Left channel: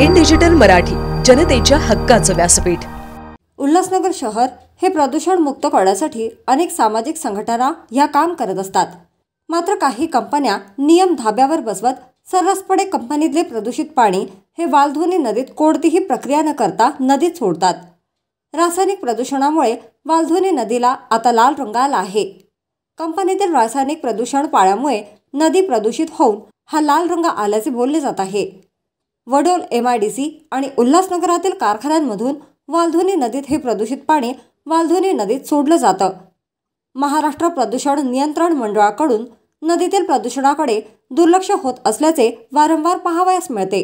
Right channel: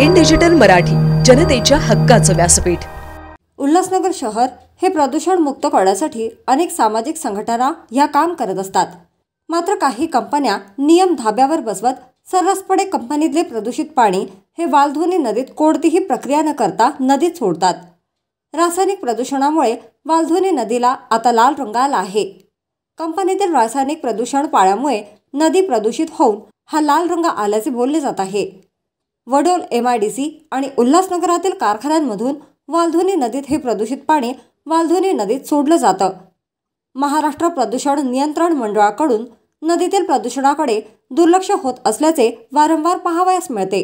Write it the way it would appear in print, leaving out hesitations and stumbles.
In digital Marathi, जनतेच्या हक्काचं व्यासपीठ। उल्हासनगर शहर हे प्रदूषण मुक्त करण्यासाठी अनेक सामाजिक संघटना ह्या काम करत असतात। मात्र काही कंपन्या नियम धाब्यावर बसवत सर्रासपणे कंपनीतले प्रदूषित पाणी हे वालधुनी नदीत कोणतीही प्रक्रिया न करता नदीत सोडतात। रासायनिक प्रदूषणामुळे वालधुनी नदीला आता लाल रंग आला आहे। कंपनीतील रासायनिक प्रदूषण पाण्यामुळे नदी प्रदूषित होऊन हा लाल रंग आल्याचे बोलले जात आहे। वडोल MIDC आणि उल्हासनगरातील कारखान्यांमधून वालधुनी नदीत हे प्रदूषित पाणी वालधुनी नदीत सोडलं जातं। महाराष्ट्र प्रदूषण नियंत्रण मंडळाकडून नदीतील प्रदूषणाकडे दुर्लक्ष होत असल्याचे वारंवार पाहावयास मिळते।